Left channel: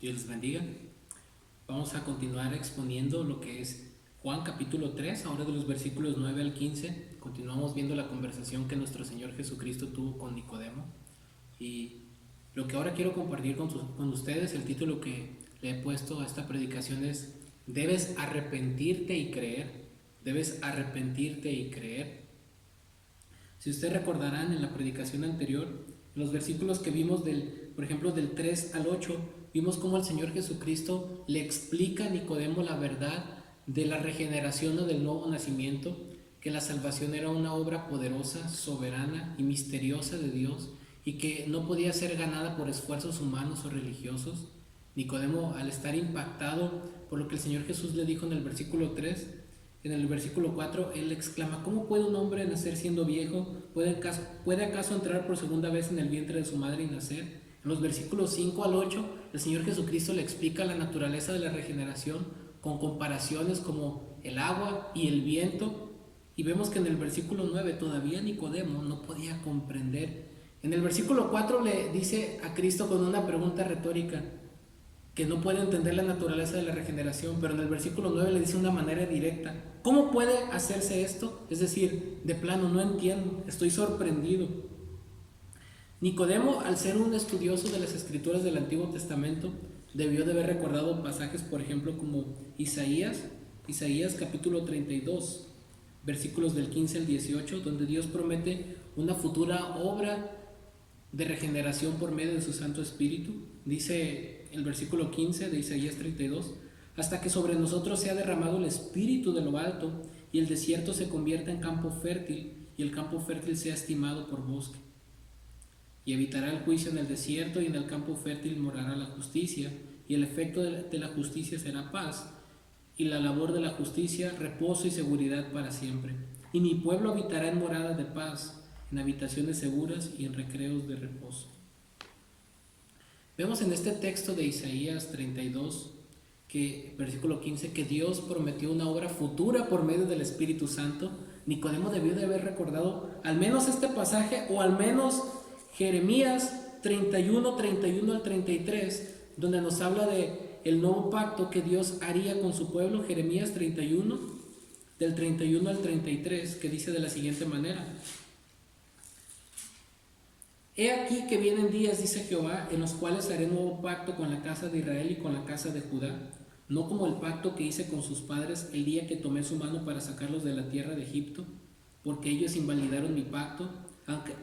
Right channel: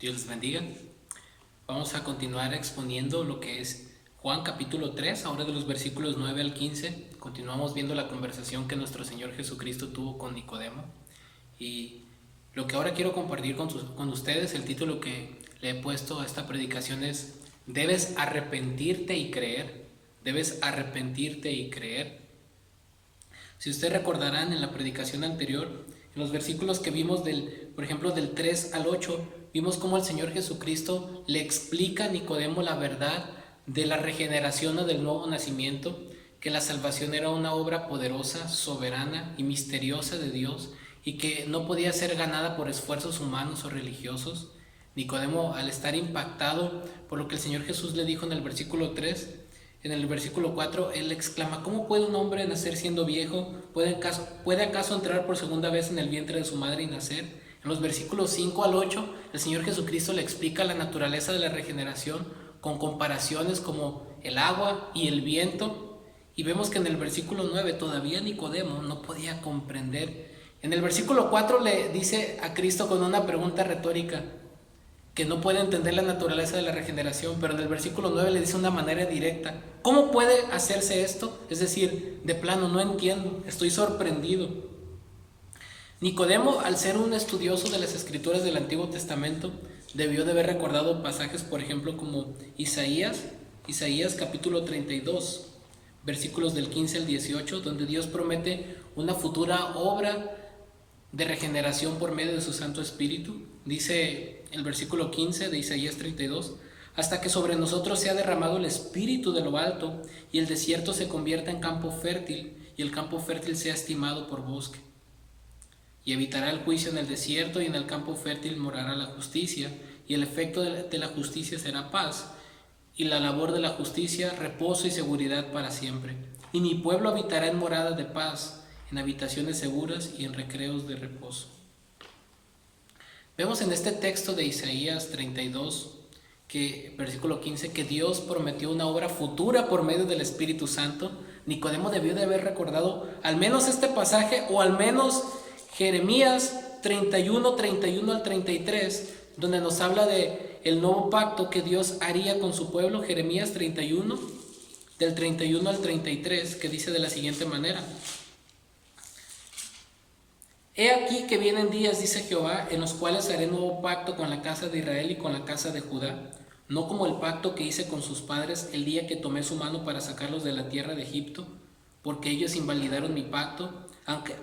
Dios les bendiga. Vamos a continuar exponiendo lo que es Juan capítulo 3, ahora de los versículos 9 al 15. Continuamos viendo la conversación que nuestro Señor Jesucristo tuvo con Nicodemo. Y lo que ahora quiero compartir con ustedes, el título que le he puesto a esta predicación es: debes arrepentirte y creer. Debes arrepentirte y creer. Si ustedes recordarán en la predicación anterior, en los versículos que vimos por ejemplo, del 3 al 8, vimos cómo el Señor Jesucristo le explica a Nicodemo la verdad de la regeneración o del nuevo nacimiento, que la salvación era una obra poderosa, soberana y misteriosa de Dios y que no podía ser ganada por esfuerzos humanos o religiosos. Nicodemo, al estar impactado por lo que el Señor Jesús le dijo en el versículo 3, en el versículo 4, él exclama: ¿cómo puede un hombre nacer siendo viejo? ¿Puede acaso entrar por segunda vez en el vientre de su madre y nacer? En los versículos 5 al 8, el Señor Jesucristo le explica la naturaleza de la regeneración con comparaciones como el agua y el viento. Y vemos que en el versículo 9 todavía Nicodemo no podía comprender. En el versículo 4 le dice a Cristo con una pregunta retórica que no puede entender la naturaleza de la regeneración, pero en el versículo 9 le dice de una manera directa: ¿cómo puede hacerse esto? Es decir, de plano, no entiendo, estoy sorprendido. Nicodemo, al ser un estudioso de las escrituras del Antiguo Testamento, debió de haber recordado pasajes, por ejemplo, como Isaías capítulo 32, versículos del 15 al 18, donde Dios promete una futura obra de regeneración por medio de su Santo Espíritu. Dice el versículo 15 de Isaías 32: hasta que sobre nosotros sea derramado el Espíritu de lo alto, y el desierto se convierta en campo fértil, y el campo fértil sea estimado por bosque. Y evitará el juicio en el desierto, y en el campo fértil morará la justicia, y el efecto de la justicia será paz, y la labor de la justicia reposo y seguridad para siempre. Y mi pueblo habitará en morada de paz, en habitaciones seguras y en recreos de reposo. Vemos en este texto de Isaías 32, versículo 15, que Dios prometió una obra futura por medio del Espíritu Santo. Nicodemo debió de haber recordado al menos este pasaje, o al menos Jeremías 31 al 33, donde nos habla de el nuevo pacto que Dios haría con su pueblo. Jeremías 31, del 31 al 33, que dice de la siguiente manera: he aquí que vienen días, dice Jehová, en los cuales haré nuevo pacto con la casa de Israel y con la casa de Judá, no como el pacto que hice con sus padres el día que tomé su mano para sacarlos de la tierra de Egipto, porque ellos invalidaron mi pacto,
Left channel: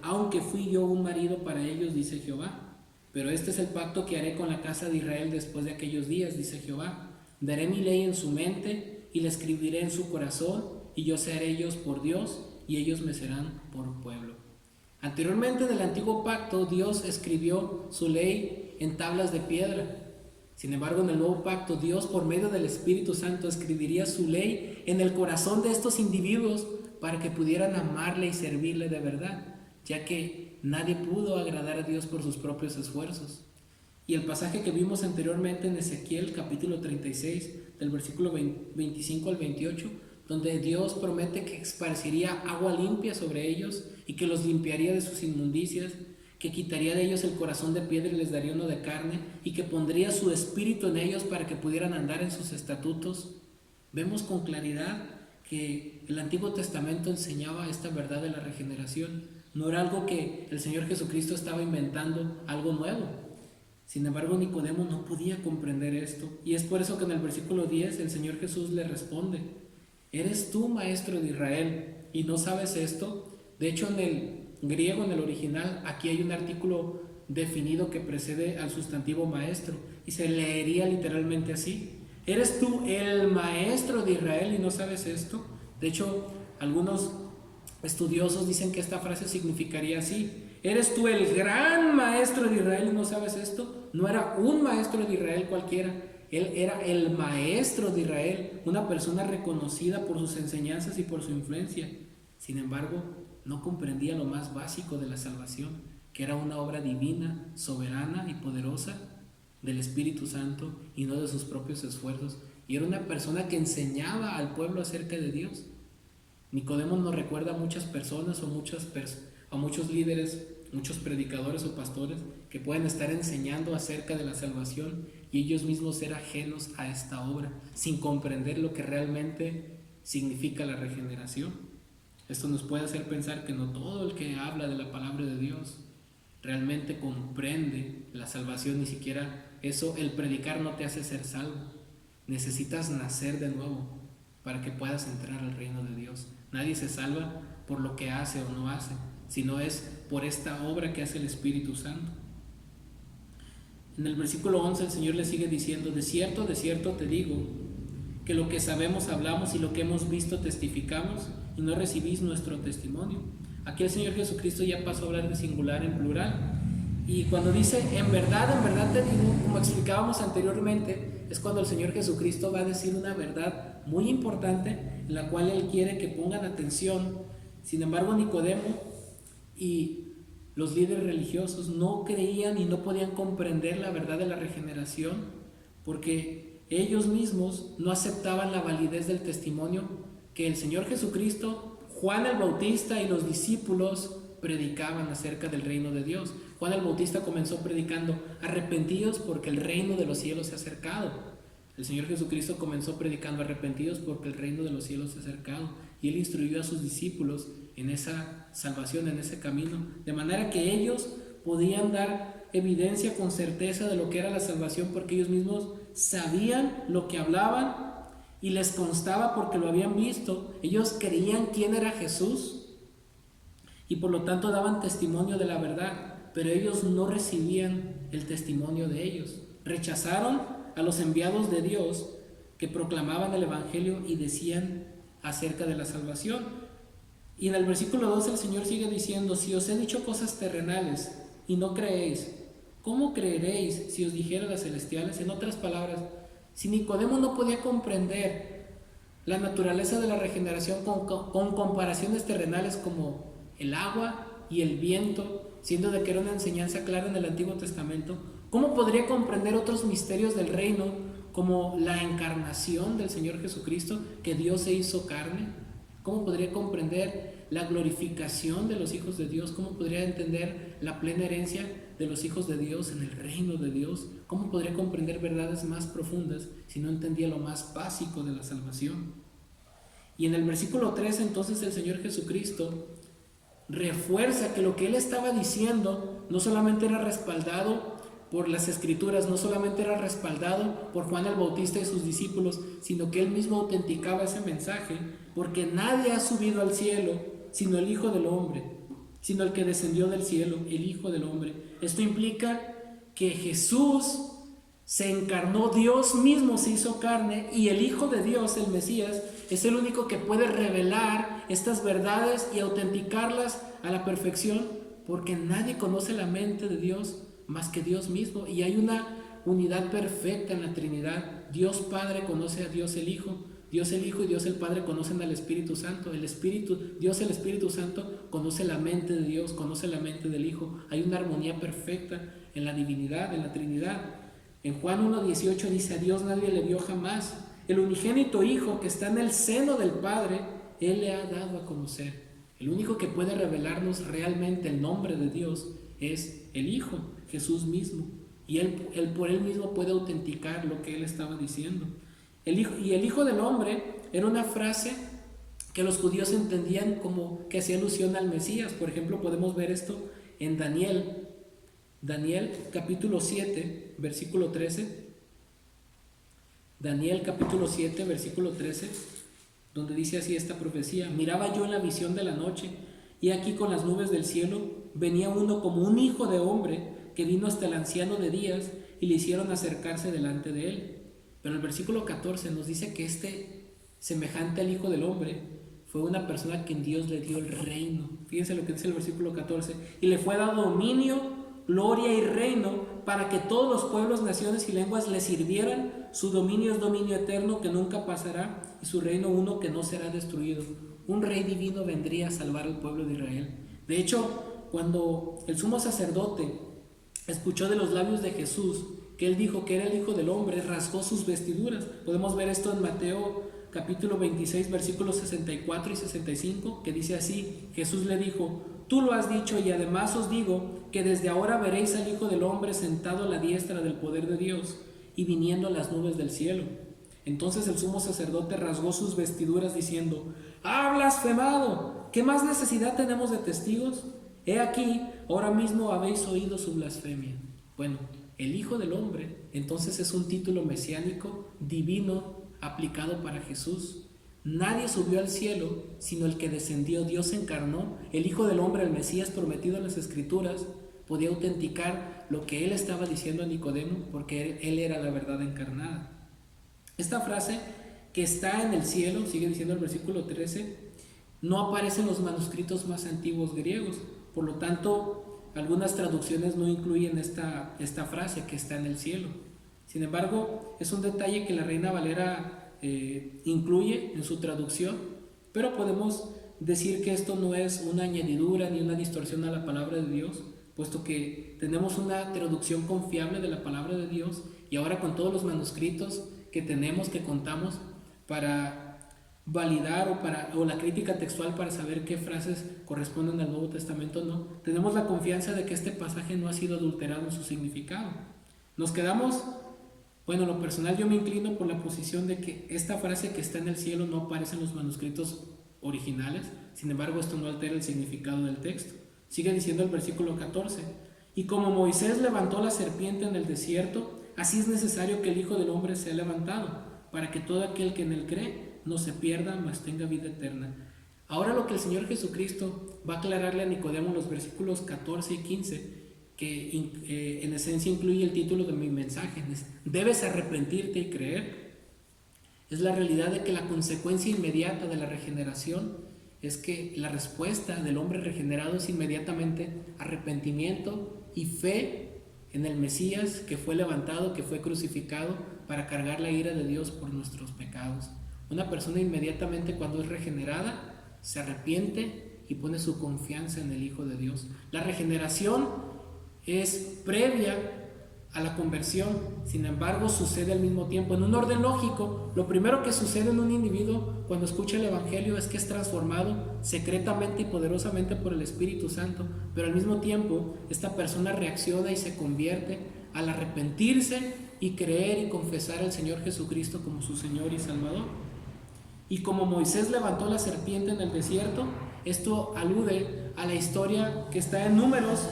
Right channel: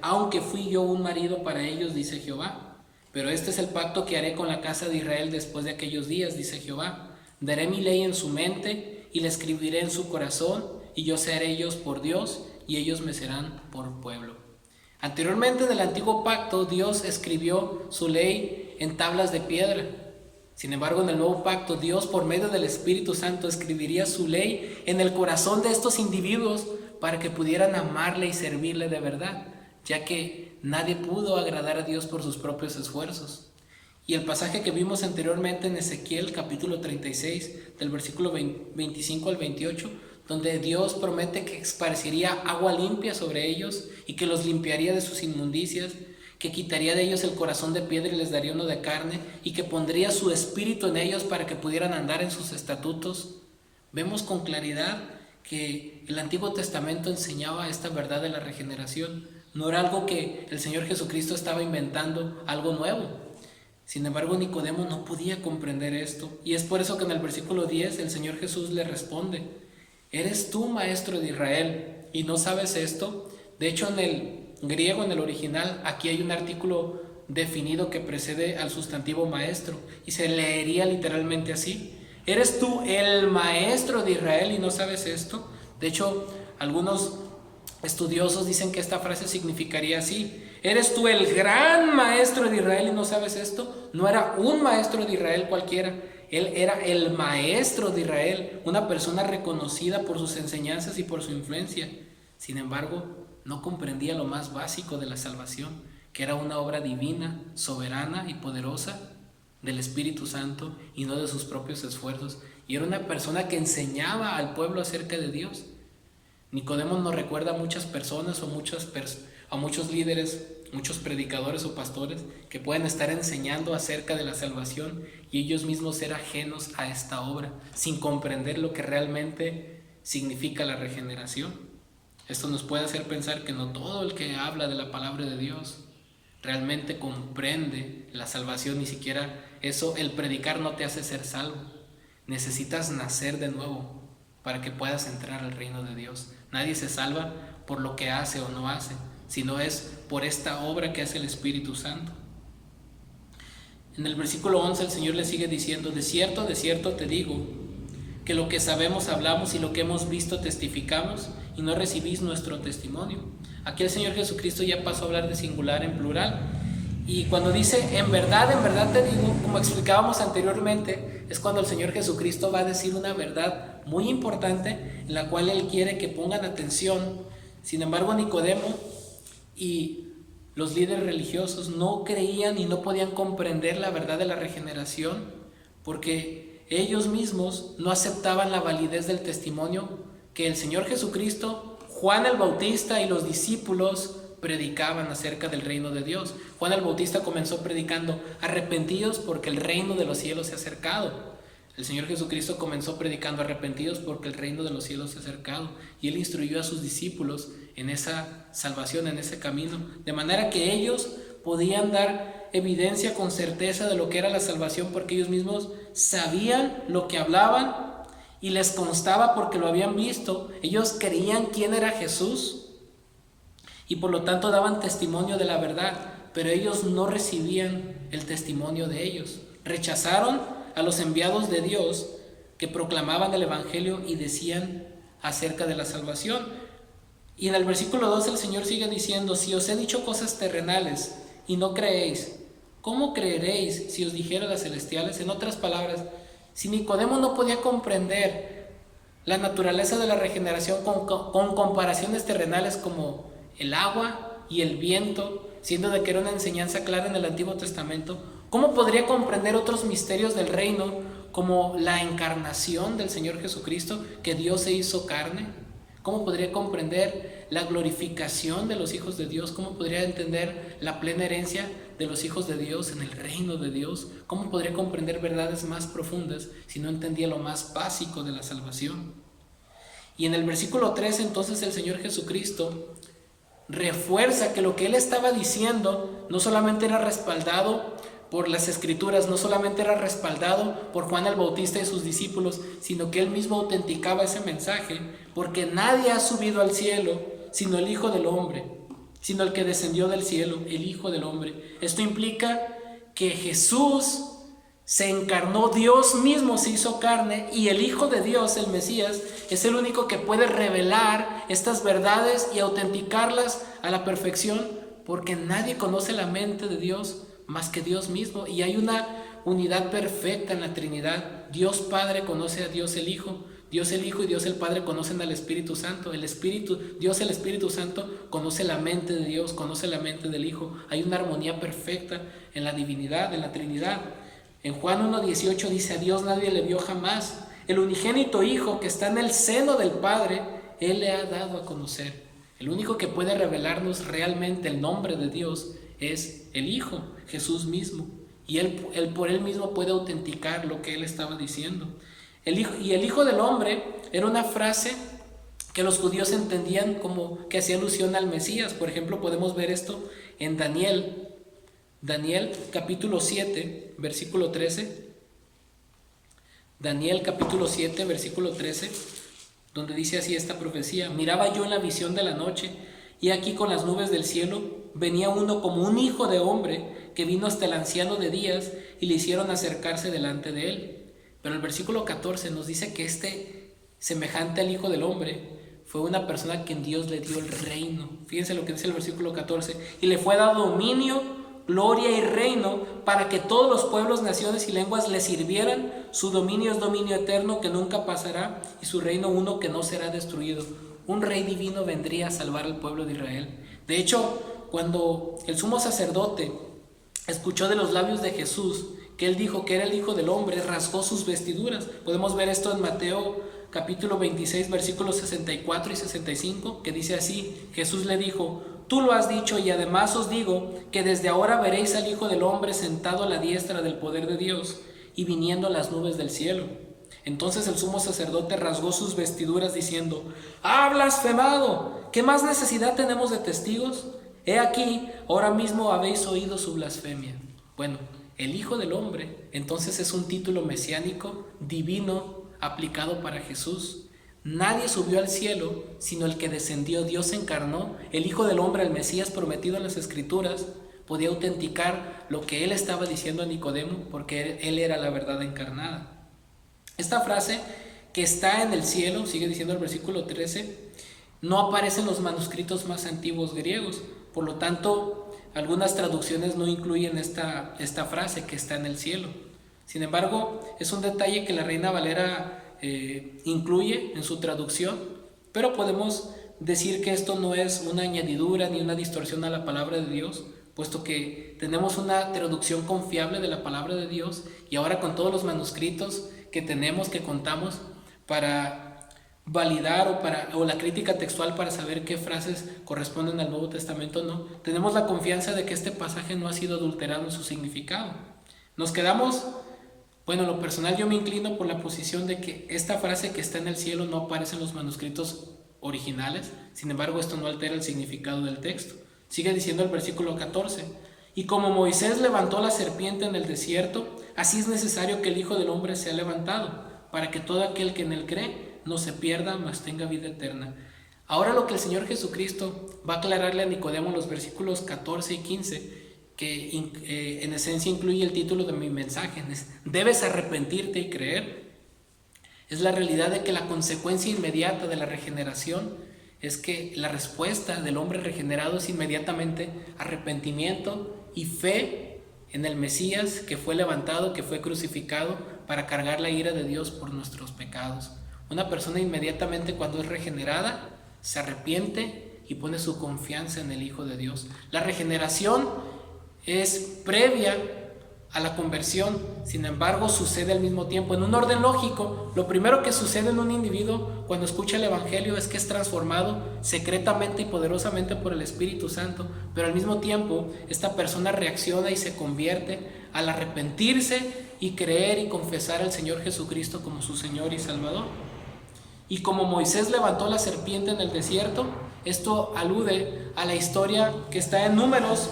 aunque fui yo un marido para ellos, dice Jehová. Pero este es el pacto que haré con la casa de Israel después de aquellos días, dice Jehová. Daré mi ley en su mente y la escribiré en su corazón, y yo seré ellos por Dios y ellos me serán por pueblo. Anteriormente, en el antiguo pacto, Dios escribió su ley en tablas de piedra. Sin embargo, en el nuevo pacto, Dios, por medio del Espíritu Santo, escribiría su ley en el corazón de estos individuos para que pudieran amarle y servirle de verdad, ya que nadie pudo agradar a Dios por sus propios esfuerzos. Y el pasaje que vimos anteriormente en Ezequiel capítulo 36, del versículo 25 al 28, donde Dios promete que esparciría agua limpia sobre ellos y que los limpiaría de sus inmundicias, que quitaría de ellos el corazón de piedra y les daría uno de carne, y que pondría su espíritu en ellos para que pudieran andar en sus estatutos. Vemos con claridad que el Antiguo Testamento enseñaba esta verdad de la regeneración. No era algo que el Señor Jesucristo estaba inventando, algo nuevo. Sin embargo, Nicodemo no podía comprender esto, y es por eso que en el versículo 10 el Señor Jesús le responde: ¿eres tú maestro de Israel y no sabes esto? De hecho, en el griego, en el original, aquí hay un artículo definido que precede al sustantivo maestro, y se leería literalmente así: ¿eres tú el maestro de Israel y no sabes esto? De hecho, algunos estudiosos dicen que esta frase significaría así: ¿eres tú el gran maestro de Israel y no sabes esto? No era un maestro de Israel cualquiera, él era el maestro de Israel, una persona reconocida por sus enseñanzas y por su influencia. Sin embargo, no comprendía lo más básico de la salvación, que era una obra divina, soberana y poderosa del Espíritu Santo y no de sus propios esfuerzos. Y era una persona que enseñaba al pueblo acerca de Dios. Nicodemo nos recuerda a muchas personas o muchos líderes muchos predicadores o pastores que pueden estar enseñando acerca de la salvación y ellos mismos ser ajenos a esta obra, sin comprender lo que realmente significa la regeneración. Esto nos puede hacer pensar que no todo el que habla de la palabra de Dios realmente comprende la salvación, ni siquiera eso, el predicar no te hace ser salvo. Necesitas nacer de nuevo para que puedas entrar al reino de Dios. Nadie se salva por lo que hace o no hace, sino es por esta obra que hace el Espíritu Santo. En el versículo 11 el Señor le sigue diciendo: de cierto te digo, que lo que sabemos hablamos y lo que hemos visto testificamos, y no recibís nuestro testimonio. Aquí el Señor Jesucristo ya pasó a hablar de singular en plural. Y cuando dice en verdad te digo, como explicábamos anteriormente, es cuando el Señor Jesucristo va a decir una verdad muy importante en la cual Él quiere que pongan atención. Sin embargo, Nicodemo y los líderes religiosos no creían y no podían comprender la verdad de la regeneración porque ellos mismos no aceptaban la validez del testimonio que el Señor Jesucristo, Juan el Bautista y los discípulos predicaban acerca del reino de Dios. Juan el Bautista comenzó predicando: arrepentidos porque el reino de los cielos se ha acercado. El Señor Jesucristo comenzó predicando: arrepentidos porque el reino de los cielos se ha acercado. Y Él instruyó a sus discípulos en esa salvación, en ese camino, de manera que ellos podían dar evidencia con certeza de lo que era la salvación, porque ellos mismos sabían lo que hablaban y les constaba porque lo habían visto. Ellos creían quién era Jesús y por lo tanto daban testimonio de la verdad, pero ellos no recibían el testimonio de ellos. Rechazaron a los enviados de Dios que proclamaban el Evangelio y decían acerca de la salvación. Y en el versículo 2 el Señor sigue diciendo: si os he dicho cosas terrenales y no creéis, ¿cómo creeréis si os dijera las celestiales? En otras palabras, si Nicodemo no podía comprender la naturaleza de la regeneración con comparaciones terrenales como el agua y el viento, siendo de que era una enseñanza clara en el Antiguo Testamento, ¿cómo podría comprender otros misterios del reino como la encarnación del Señor Jesucristo, que Dios se hizo carne? ¿Cómo podría comprender la glorificación de los hijos de Dios? ¿Cómo podría entender la plena herencia de los hijos de Dios en el reino de Dios? ¿Cómo podría comprender verdades más profundas si no entendía lo más básico de la salvación? Y en el versículo 3 entonces el Señor Jesucristo refuerza que lo que Él estaba diciendo no solamente era respaldado por las Escrituras, no solamente era respaldado por Juan el Bautista y sus discípulos, sino que Él mismo autenticaba ese mensaje, porque nadie ha subido al cielo sino el Hijo del Hombre, sino el que descendió del cielo, el Hijo del Hombre. Esto implica que Jesús se encarnó, Dios mismo se hizo carne, y el Hijo de Dios, el Mesías, es el único que puede revelar estas verdades y autenticarlas a la perfección, porque nadie conoce la mente de Dios más que Dios mismo, y hay una unidad perfecta en la Trinidad. Dios Padre conoce a Dios el Hijo, Dios el Hijo y Dios el Padre conocen al Espíritu Santo. Dios el Espíritu Santo conoce la mente de Dios, conoce la mente del Hijo. Hay una armonía perfecta en la divinidad, en la Trinidad. En Juan 1:18 dice: a Dios nadie le vio jamás. El unigénito Hijo que está en el seno del Padre, Él le ha dado a conocer. El único que puede revelarnos realmente el nombre de Dios es el Hijo, Jesús mismo. Y él por Él mismo puede autenticar lo que Él estaba diciendo. El Hijo del Hombre era una frase que los judíos entendían como que hacía alusión al Mesías. Por ejemplo, podemos ver esto en Daniel capítulo 7, versículo 13. Daniel capítulo 7, versículo 13, donde dice así esta profecía: miraba yo en la visión de la noche, y aquí con las nubes del cielo venía uno como un hijo de hombre, que vino hasta el anciano de días, y le hicieron acercarse delante de él. Pero el versículo 14 nos dice que este, semejante al Hijo del Hombre, fue una persona a quien Dios le dio el reino. Fíjense lo que dice el versículo 14: y le fue dado dominio, gloria y reino, para que todos los pueblos, naciones y lenguas le sirvieran. Su dominio es dominio eterno que nunca pasará, y su reino uno que no será destruido. Un rey divino vendría a salvar al pueblo de Israel. De hecho, cuando el sumo sacerdote escuchó de los labios de Jesús que Él dijo que era el Hijo del Hombre, rasgó sus vestiduras. Podemos ver esto en Mateo capítulo 26, versículos 64 y 65, que dice así: Jesús le dijo: tú lo has dicho, y además os digo que desde ahora veréis al Hijo del Hombre sentado a la diestra del poder de Dios y viniendo a las nubes del cielo. Entonces el sumo sacerdote rasgó sus vestiduras diciendo: ¡Ha blasfemado! ¿Qué más necesidad tenemos de testigos? He aquí, ahora mismo habéis oído su blasfemia. Bueno, el Hijo del Hombre entonces es un título mesiánico, divino, aplicado para Jesús. Nadie subió al cielo sino el que descendió. Dios se encarnó. El Hijo del Hombre, el Mesías prometido en las Escrituras, podía autenticar lo que él estaba diciendo a Nicodemo, porque él era la verdad encarnada. Esta frase, que está en el cielo, sigue diciendo el versículo 13, no aparece en los manuscritos más antiguos griegos. Por lo tanto, algunas traducciones no incluyen esta frase, que está en el cielo. Sin embargo, es un detalle que la Reina Valera incluye en su traducción, pero podemos decir que esto no es una añadidura ni una distorsión a la palabra de Dios, puesto que tenemos una traducción confiable de la palabra de Dios, y ahora con todos los manuscritos que tenemos, que contamos para validar o la crítica textual para saber qué frases corresponden al Nuevo Testamento o no, tenemos la confianza de que este pasaje no ha sido adulterado en su significado. Nos quedamos, bueno, en lo personal yo me inclino por la posición de que esta frase, que está en el cielo, no aparece en los manuscritos originales. Sin embargo, esto no altera el significado del texto. Sigue diciendo el versículo 14: y como Moisés levantó la serpiente en el desierto, así es necesario que el Hijo del Hombre sea levantado, para que todo aquel que en él cree no se pierda, mas tenga vida eterna. Ahora lo que el Señor Jesucristo va a aclararle a Nicodemo en los versículos 14 y 15, que en esencia incluye el título de mi mensaje, debes arrepentirte y creer, es la realidad de que la consecuencia inmediata de la regeneración es que la respuesta del hombre regenerado es inmediatamente arrepentimiento y fe en el Mesías, que fue levantado, que fue crucificado para cargar la ira de Dios por nuestros pecados. Una persona inmediatamente, cuando es regenerada, se arrepiente y pone su confianza en el Hijo de Dios. La regeneración es previa a la conversión, sin embargo sucede al mismo tiempo. En un orden lógico, lo primero que sucede en un individuo cuando escucha el Evangelio es que es transformado secretamente y poderosamente por el Espíritu Santo, pero al mismo tiempo esta persona reacciona y se convierte al arrepentirse y creer y confesar al Señor Jesucristo como su Señor y Salvador. Y como Moisés levantó la serpiente en el desierto, esto alude a la historia que está en Números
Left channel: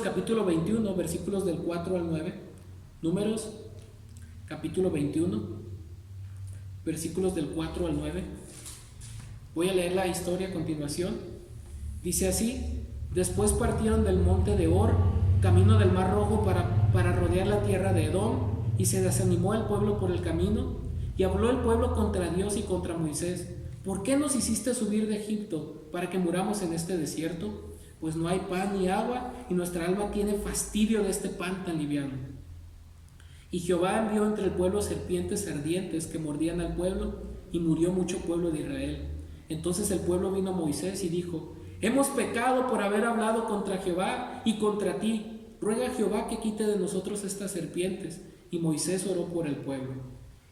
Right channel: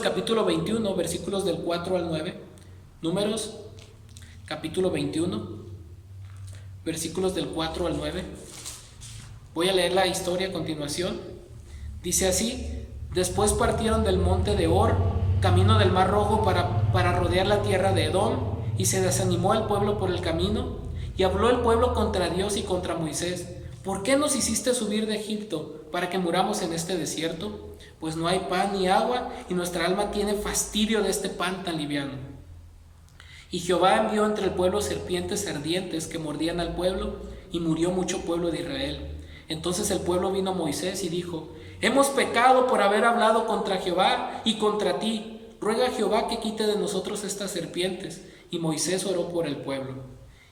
capítulo 21, versículos del 4 al 9. Números capítulo 21, versículos del 4 al 9. Voy a leer la historia a continuación. Dice así: después partieron del monte de Hor, camino del Mar Rojo, para rodear la tierra de Edom, y se desanimó el pueblo por el camino. Y habló el pueblo contra Dios y contra Moisés: ¿por qué nos hiciste subir de Egipto para que muramos en este desierto? Pues no hay pan ni agua, y nuestra alma tiene fastidio de este pan tan liviano. Y Jehová envió entre el pueblo serpientes ardientes que mordían al pueblo, y murió mucho pueblo de Israel. Entonces el pueblo vino a Moisés y dijo: hemos pecado por haber hablado contra Jehová y contra ti. Ruega a Jehová que quite de nosotros estas serpientes. Y Moisés oró por el pueblo.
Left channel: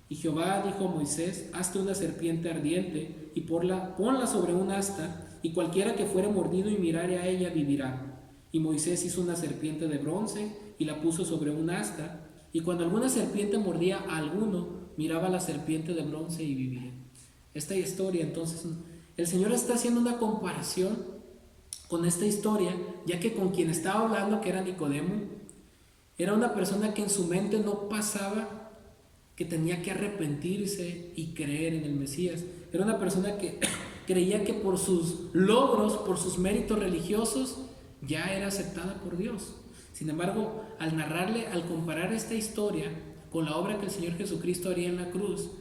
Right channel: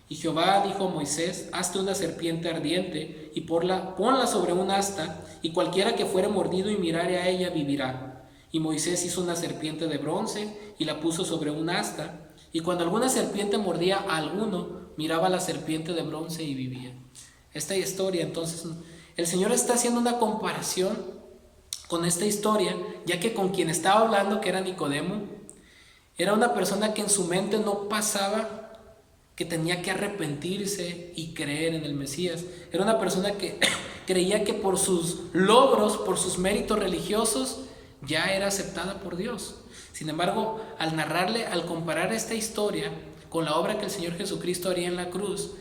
Y Jehová dijo a Moisés: hazte una serpiente ardiente y ponla sobre un asta, y cualquiera que fuere mordido y mirare a ella vivirá. Y Moisés hizo una serpiente de bronce y la puso sobre un asta, y cuando alguna serpiente mordía a alguno, miraba a la serpiente de bronce y vivía. Esta historia, entonces, el Señor está haciendo una comparación con esta historia, ya que con quien estaba hablando, que era Nicodemo, era una persona que en su mente no pasaba que tenía que arrepentirse y creer en el Mesías. Era una persona que creía que por sus logros, por sus méritos religiosos, ya era aceptada por Dios. Sin embargo, al comparar esta historia con la obra que el Señor Jesucristo haría en la cruz,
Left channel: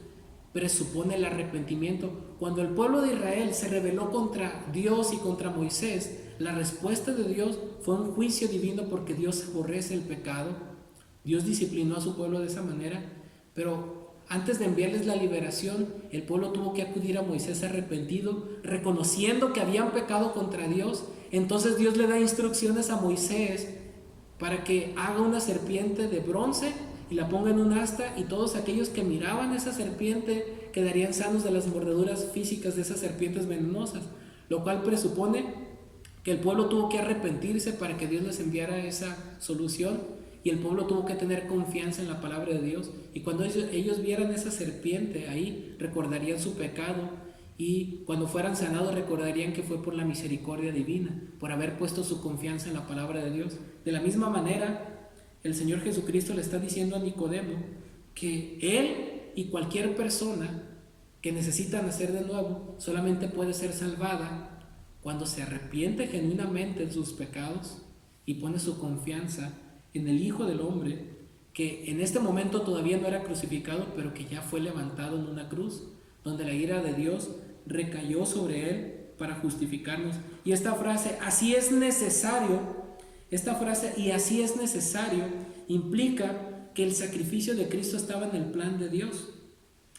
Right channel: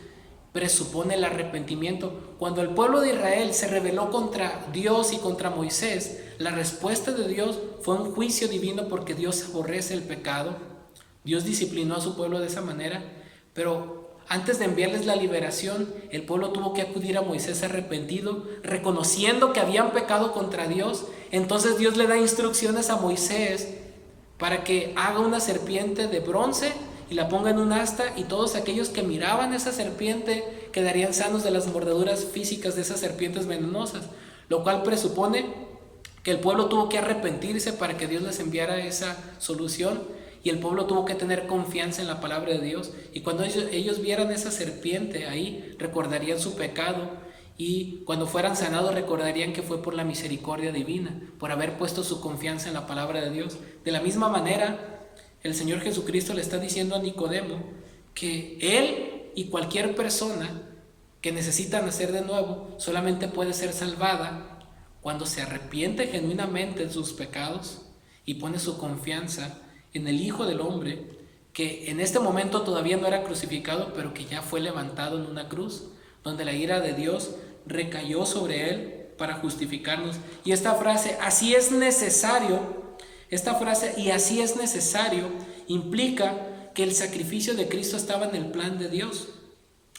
presupone el arrepentimiento. Cuando el pueblo de Israel se rebeló contra Dios y contra Moisés, la respuesta de Dios fue un juicio divino, porque Dios aborrece el pecado. Dios disciplinó a su pueblo de esa manera. Pero antes de enviarles la liberación, el pueblo tuvo que acudir a Moisés arrepentido, reconociendo que habían pecado contra Dios. Entonces Dios le da instrucciones a Moisés para que haga una serpiente de bronce y la ponga en un asta, y todos aquellos que miraban esa serpiente quedarían sanos de las mordeduras físicas de esas serpientes venenosas, lo cual presupone que el pueblo tuvo que arrepentirse para que Dios les enviara esa solución, y el pueblo tuvo que tener confianza en la palabra de Dios, y cuando ellos vieran esa serpiente ahí, recordarían su pecado, y cuando fueran sanados recordarían que fue por la misericordia divina, por haber puesto su confianza en la palabra de Dios. De la misma manera, el Señor Jesucristo le está diciendo a Nicodemo que él y cualquier persona que necesita nacer de nuevo solamente puede ser salvada cuando se arrepiente genuinamente de sus pecados y pone su confianza en el Hijo del Hombre, que en este momento todavía no era crucificado, pero que ya fue levantado en una cruz, donde la ira de Dios recayó sobre él para justificarnos. Y esta frase, así es necesario, esta frase, y así es necesario, implica que el sacrificio de Cristo estaba en el plan de Dios.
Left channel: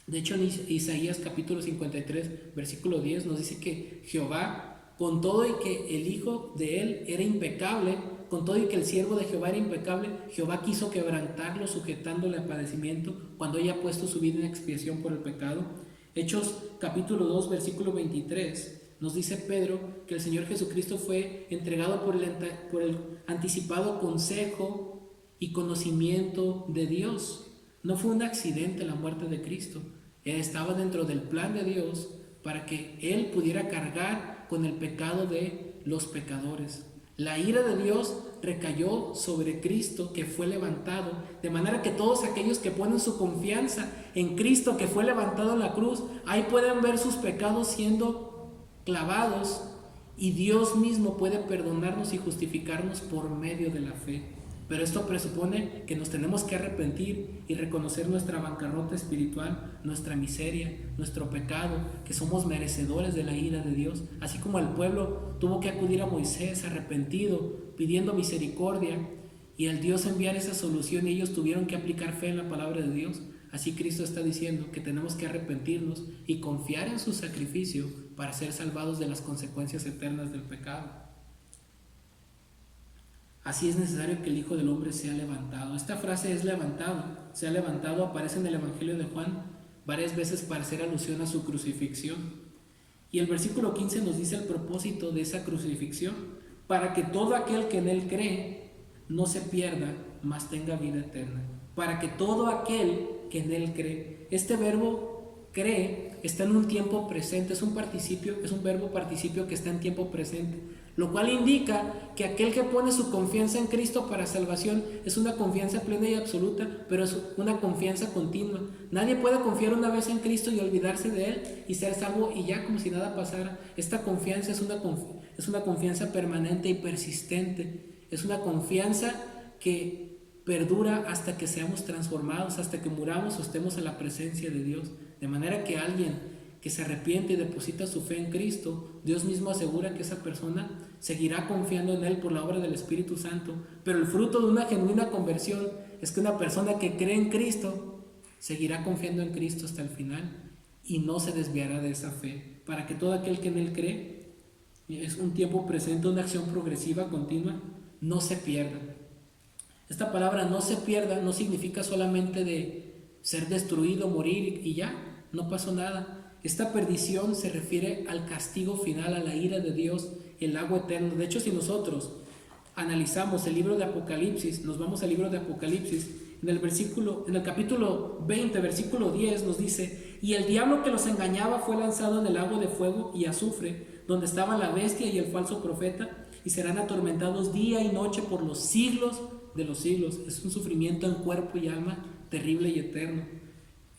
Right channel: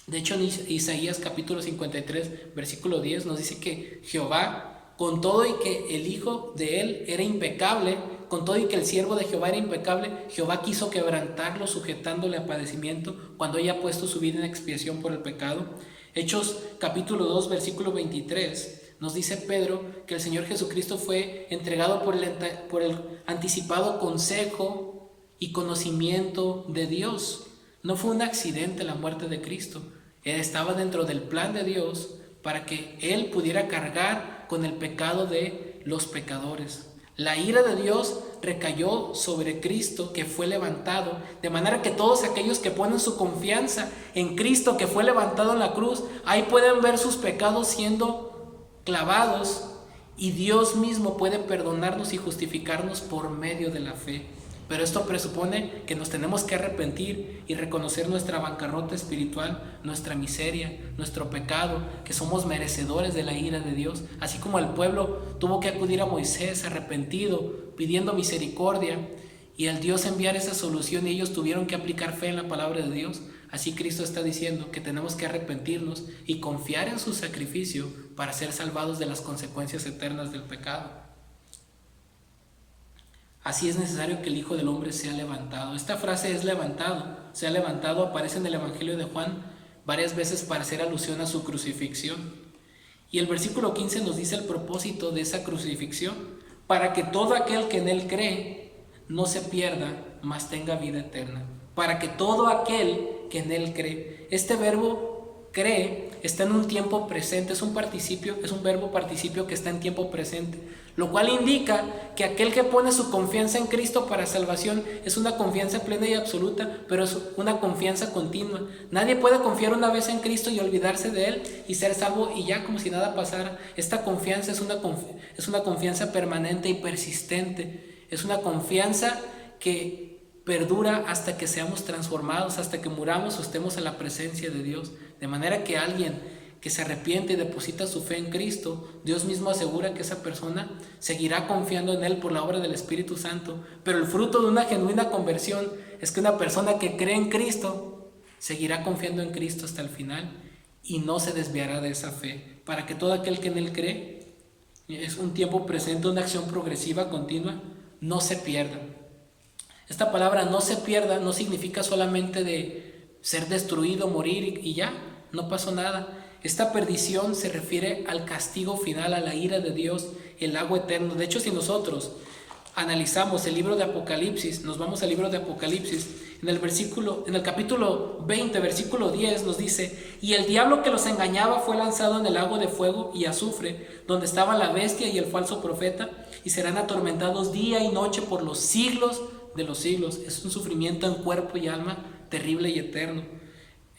De hecho, en Isaías capítulo 53, versículo 10, nos dice que Jehová, con todo y que el hijo de él era impecable, con todo y que el siervo de Jehová era impecable, Jehová quiso quebrantarlo, sujetándole a padecimiento, cuando haya puesto su vida en expiación por el pecado. Hechos capítulo 2, versículo 23, nos dice Pedro que el Señor Jesucristo fue entregado por el anticipado consejo y conocimiento de Dios. No fue un accidente la muerte de Cristo. Él estaba dentro del plan de Dios para que Él pudiera cargar con el pecado de los pecadores. La ira de Dios recayó sobre Cristo, que fue levantado, de manera que todos aquellos que ponen su confianza en Cristo, que fue levantado en la cruz, ahí pueden ver sus pecados siendo clavados, y Dios mismo puede perdonarnos y justificarnos por medio de la fe. Pero esto presupone que nos tenemos que arrepentir y reconocer nuestra bancarrota espiritual, nuestra miseria, nuestro pecado, que somos merecedores de la ira de Dios. Así como el pueblo tuvo que acudir a Moisés arrepentido, pidiendo misericordia, y al Dios enviar esa solución y ellos tuvieron que aplicar fe en la palabra de Dios, así Cristo está diciendo que tenemos que arrepentirnos y confiar en su sacrificio para ser salvados de las consecuencias eternas del pecado. Así es necesario que el Hijo del Hombre sea levantado. Esta frase es levantado, sea levantado, aparece en el Evangelio de Juan varias veces para hacer alusión a su crucifixión. Y el versículo 15 nos dice el propósito de esa crucifixión: para que todo aquel que en él cree no se pierda, mas tenga vida eterna. Para que todo aquel que en él cree. Este verbo cree está en un tiempo presente, es un verbo participio que está en tiempo presente, lo cual indica que aquel que pone su confianza en Cristo para salvación es una confianza plena y absoluta, pero es una confianza continua. Nadie puede confiar una vez en Cristo y olvidarse de Él y ser salvo y ya como si nada pasara. Esta confianza es una confianza permanente y persistente. Es una confianza que perdura hasta que seamos transformados, hasta que muramos o estemos en la presencia de Dios. De manera que alguien que se arrepiente y deposita su fe en Cristo, Dios mismo asegura que esa persona seguirá confiando en Él por la obra del Espíritu Santo. Pero el fruto de una genuina conversión es que una persona que cree en Cristo seguirá confiando en Cristo hasta el final y no se desviará de esa fe. Para que todo aquel que en Él cree, es un tiempo presente, una acción progresiva, continua, no se pierda. Esta palabra no se pierda no significa solamente de ser destruido, morir y ya, no pasó nada. Esta perdición se refiere al castigo final, a la ira de Dios, el lago eterno. De hecho, si nosotros analizamos el libro de Apocalipsis, nos vamos al libro de Apocalipsis, en el capítulo 20, versículo 10 nos dice: y el diablo que los engañaba fue lanzado en el lago de fuego y azufre, donde estaba la bestia y el falso profeta, y serán atormentados día y noche por los siglos de los siglos. Es un sufrimiento en cuerpo y alma terrible y eterno.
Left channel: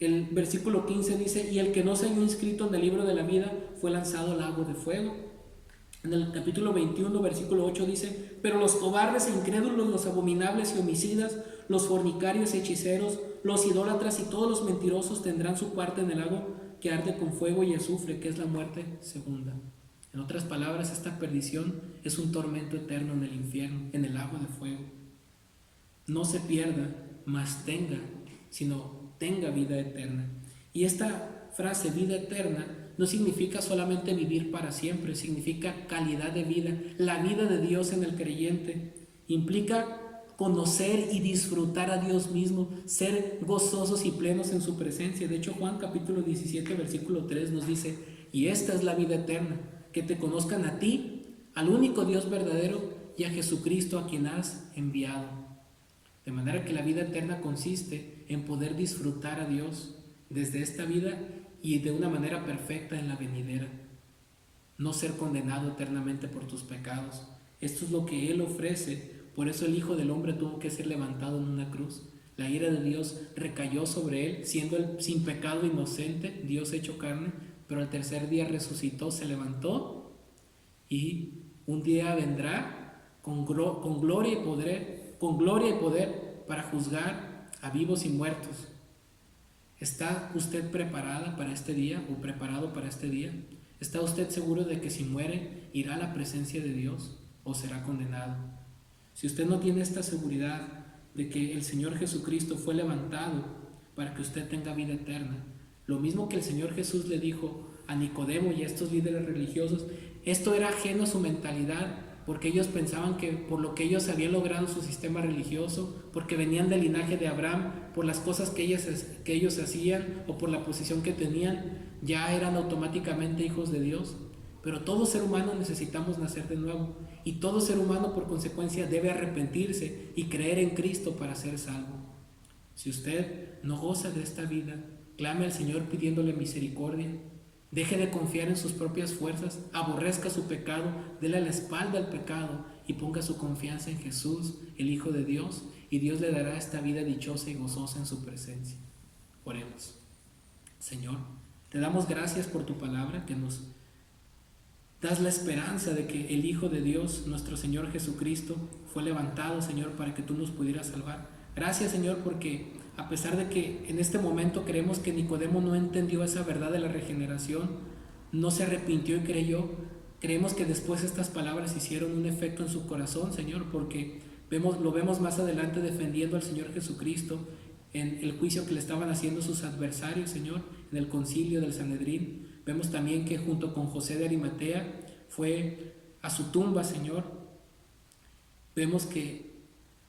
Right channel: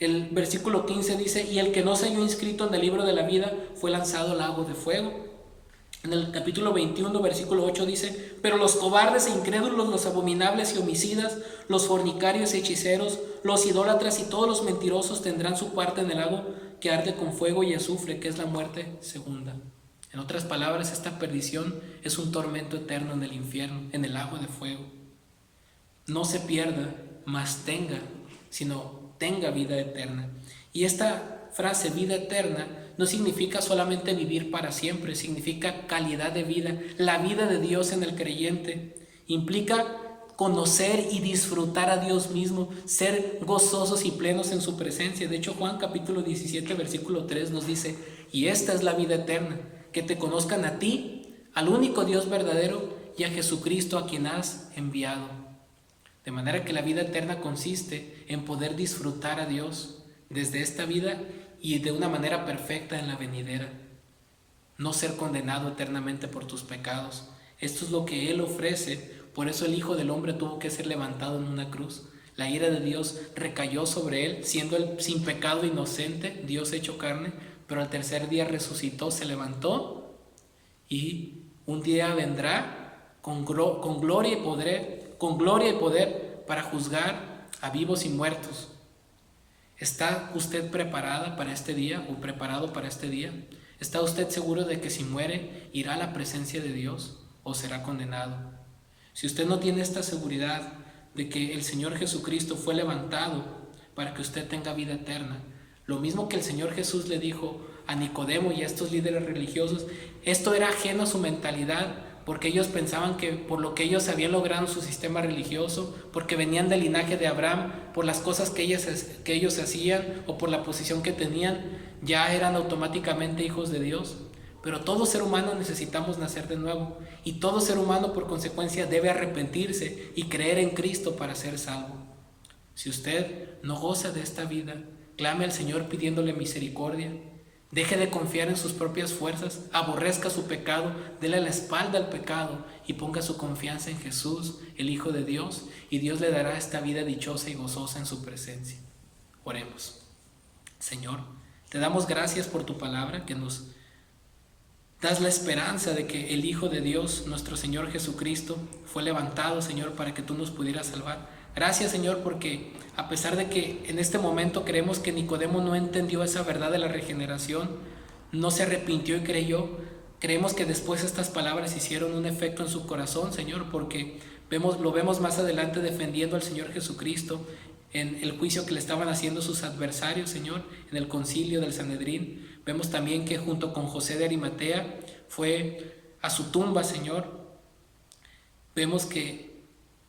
El versículo 15 dice: y el que no se halló inscrito en el libro de la vida fue lanzado al lago de fuego. En el capítulo 21, versículo 8 dice: pero los cobardes e incrédulos, los abominables y homicidas, los fornicarios y hechiceros, los idólatras y todos los mentirosos tendrán su parte en el lago que arde con fuego y azufre, que es la muerte segunda. En otras palabras, esta perdición es un tormento eterno en el infierno, en el lago de fuego. No se pierda, mas tenga vida eterna. Y esta frase, vida eterna, no significa solamente vivir para siempre, significa calidad de vida. La vida de Dios en el creyente implica conocer y disfrutar a Dios mismo, ser gozosos y plenos en su presencia. De hecho, Juan capítulo 17, versículo 3 nos dice: y esta es la vida eterna, que te conozcan a ti, al único Dios verdadero y a Jesucristo a quien has enviado. De manera que la vida eterna consiste en poder disfrutar a Dios desde esta vida y de una manera perfecta en la venidera. No ser condenado eternamente por tus pecados. Esto es lo que Él ofrece. Por eso el Hijo del Hombre tuvo que ser levantado en una cruz. La ira de Dios recayó sobre Él, siendo Él sin pecado inocente, Dios hecho carne, pero al tercer día resucitó, se levantó y un día vendrá con gloria y poder para juzgar a vivos y muertos. ¿Está usted preparada para este día o preparado para este día? ¿Está usted seguro de que si muere irá a la presencia de Dios o será condenado? Si usted no tiene esta seguridad de que el Señor Jesucristo fue levantado para que usted tenga vida eterna, lo mismo que el Señor Jesús le dijo a Nicodemo y a estos líderes religiosos, esto era ajeno a su mentalidad, porque ellos pensaban que por lo que ellos habían logrado en su sistema religioso, porque venían del linaje de Abraham, por las cosas que ellos hacían o por la posición que tenían, ya eran automáticamente hijos de Dios. Pero todo ser humano necesitamos nacer de nuevo, y todo ser humano por consecuencia debe arrepentirse y creer en Cristo para ser salvo. Si usted no goza de esta vida, clame al Señor pidiéndole misericordia. Deje de confiar en sus propias fuerzas, aborrezca su pecado, déle la espalda al pecado y ponga su confianza en Jesús, el Hijo de Dios, y Dios le dará esta vida dichosa y gozosa en su presencia. Oremos. Señor, te damos gracias por tu palabra, que nos das la esperanza de que el Hijo de Dios, nuestro Señor Jesucristo, fue levantado, Señor, para que tú nos pudieras salvar. Gracias, Señor, porque a pesar de que en este momento creemos que Nicodemo no entendió esa verdad de la regeneración, no se arrepintió y creyó, creemos que después estas palabras hicieron un efecto en su corazón, Señor, porque lo vemos más adelante defendiendo al Señor Jesucristo en el juicio que le estaban haciendo sus adversarios, Señor, en el concilio del Sanedrín. Vemos también que junto con José de Arimatea fue a su tumba, Señor. Vemos que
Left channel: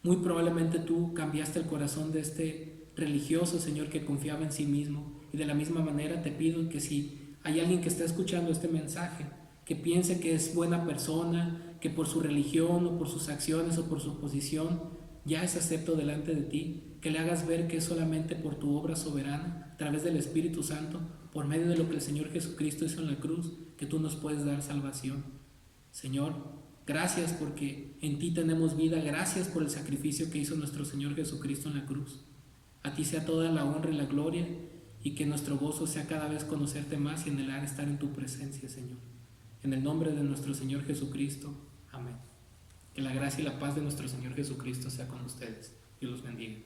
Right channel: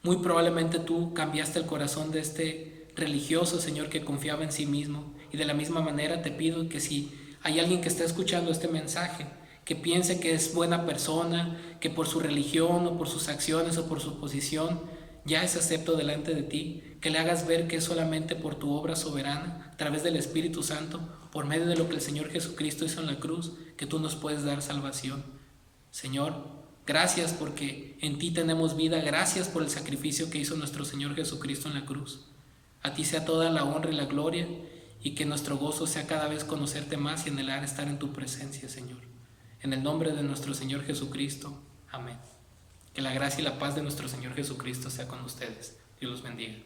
muy probablemente tú cambiaste el corazón de este religioso, Señor, que confiaba en sí mismo. Y de la misma manera te pido que si hay alguien que está escuchando este mensaje, que piense que es buena persona, que por su religión o por sus acciones o por su posición ya es acepto delante de ti, que le hagas ver que es solamente por tu obra soberana, a través del Espíritu Santo, por medio de lo que el Señor Jesucristo hizo en la cruz, que tú nos puedes dar salvación. Señor, gracias porque en ti tenemos vida, gracias por el sacrificio que hizo nuestro Señor Jesucristo en la cruz. A ti sea toda la honra y la gloria, y que nuestro gozo sea cada vez conocerte más y anhelar estar en tu presencia, Señor. En el nombre de nuestro Señor Jesucristo. Amén. Que la gracia y la paz de nuestro Señor Jesucristo sea con ustedes. Dios los bendiga.